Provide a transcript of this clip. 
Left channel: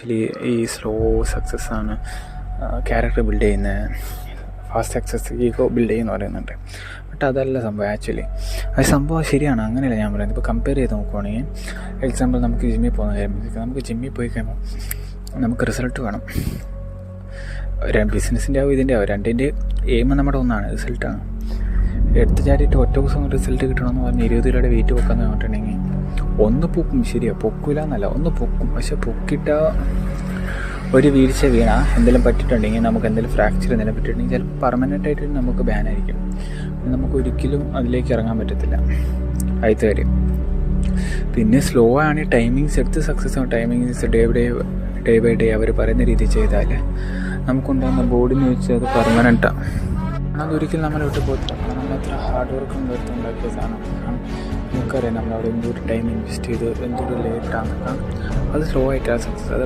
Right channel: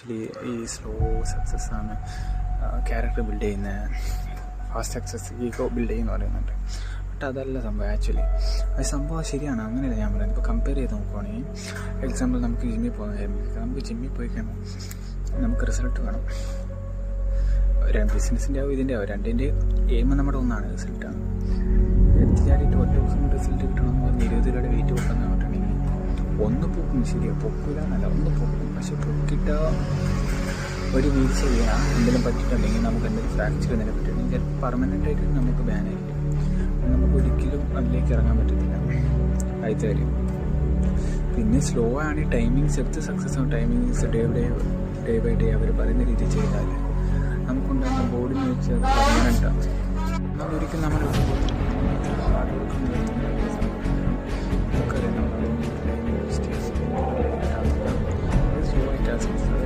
Actually ഈ slow സക്സസ്സാണ് character build ചെയ്യുന്നത്, fast success ego build ചെയ്യുമെന്ന് പറയുന്നുണ്ട്. ബട്ട് അതല്ല സംഭവം. ആക്ച്വലി അത് സംഭവം ശരിയാണ്, അങ്ങനെയല്ല ഞാൻ പറയുന്നത്. ഇപ്പോൾ കമ്പയർ ചെയ്ത് നോക്കുവാണെങ്കിൽ, എക്സാമ്പിൾ നമുക്ക് ജിമ്മിൽ പോകുന്ന കാര്യം, നമുക്ക് ജിമ്മിൽ പോയി കഴിയുമ്പോൾ നമുക്ക് റിസൾട്ട് വേണം. ബിസിനസ്സിൻ്റെ ആവും ഇതിൻ്റെ ആവും, രണ്ടിൻ്റെ എയിം നമ്മുടെ ഒന്നാണ്, റിസൾട്ടാണ്. എടുത്ത് ചാടിയിട്ട് ഒറ്റ ദിവസം റിസൾട്ട് കിട്ടണമെന്ന് പറഞ്ഞ് 20 കിലോയുടെ വെയിറ്റ് പൊക്കാന്ന് പറഞ്ഞിട്ടുണ്ടെങ്കിൽ ഒന്ന് പൊക്കും, ശരിയോ, പൊക്കില്ല എന്നല്ല, ഒന്ന് പൊക്കും. പക്ഷെ പൊക്കിട്ട ഒരു വീഴ്ച വീണ എന്തെങ്കിലും പറ്റിയിട്ടുണ്ടെങ്കിൽ, നമുക്ക് എന്തെങ്കിലും ഫ്രാക്ചർ എന്തെങ്കിലും പറ്റിയിട്ടുണ്ടെങ്കിൽ ചിലപ്പോൾ പെർമനൻ്റായിട്ട് നമുക്ക് ബാനായിരിക്കും. നമുക്ക് ഒരിക്കലും അതിലേക്ക് ഇറങ്ങാൻ പറ്റത്തില്ല. ആദ്യത്തെ കാര്യം. പിന്നെ സ്ലോ ആണ്, ടൈമിങ്സ് എടുത്ത് സക്സസ് ആവും. ടൈമിങ്സ് ഡേ ബൈ ഡേ അവർ പറയുന്ന രീതിയിൽ ചെയ്താൽ നമുക്കുണ്ടാകുന്ന ബോഡിന്ന് വെച്ച് അത് പെർമനൻ്റാണ്. അതൊരിക്കലും നമ്മളെടുത്ത് പോകത്തില്ല. നമ്മളത്ര ഹാർഡ് വർക്കും ഉണ്ടാക്കിയ സാധനം നമുക്കറിയാം. നമ്മൾ അതെന്തൊരു ടൈം ഇൻവെസ്റ്റ് ചെയ്ത് എന്തൊരു ലേറ്റാണ്, അത് സ്ലോ ആയിട്ടാണ് സക്സസ്. അത്